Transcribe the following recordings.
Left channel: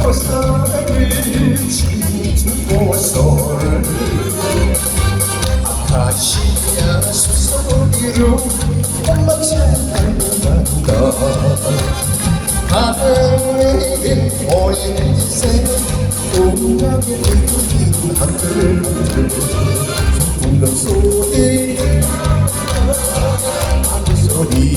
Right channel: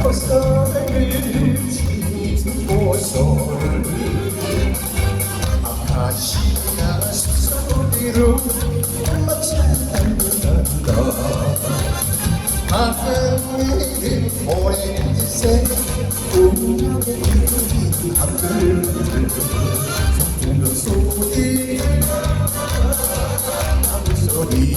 벌써 지고서를 아카 quên cùng lần số tim giờ đi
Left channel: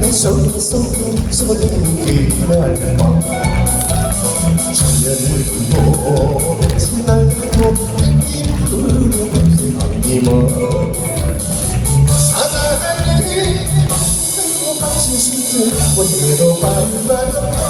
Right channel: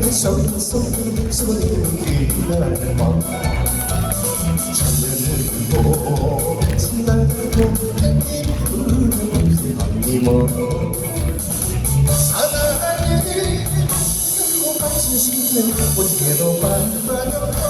Hãy subscribe cho kênh Ghiền Mì Gõ Để không bỏ lỡ những video hấp dẫn 지나고 햇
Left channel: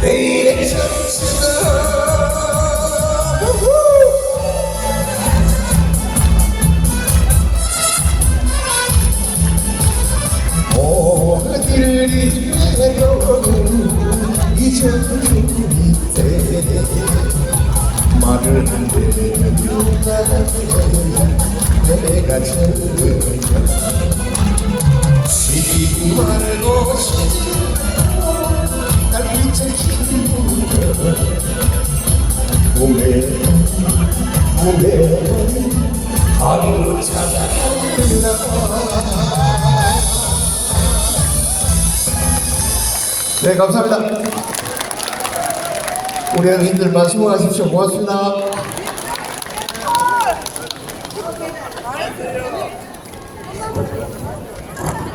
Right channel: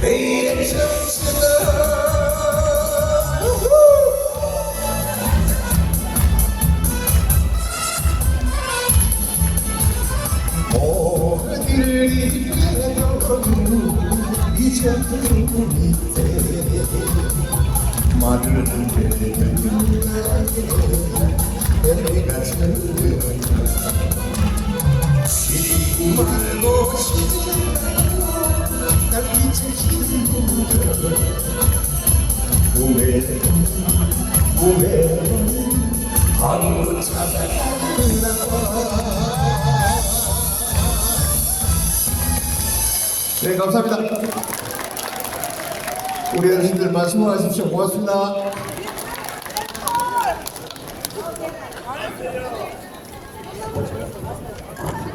내일의 점수는 네, 감사합니다. 우리 형님들만 수고하십시오. 고맙습니다. Thank you.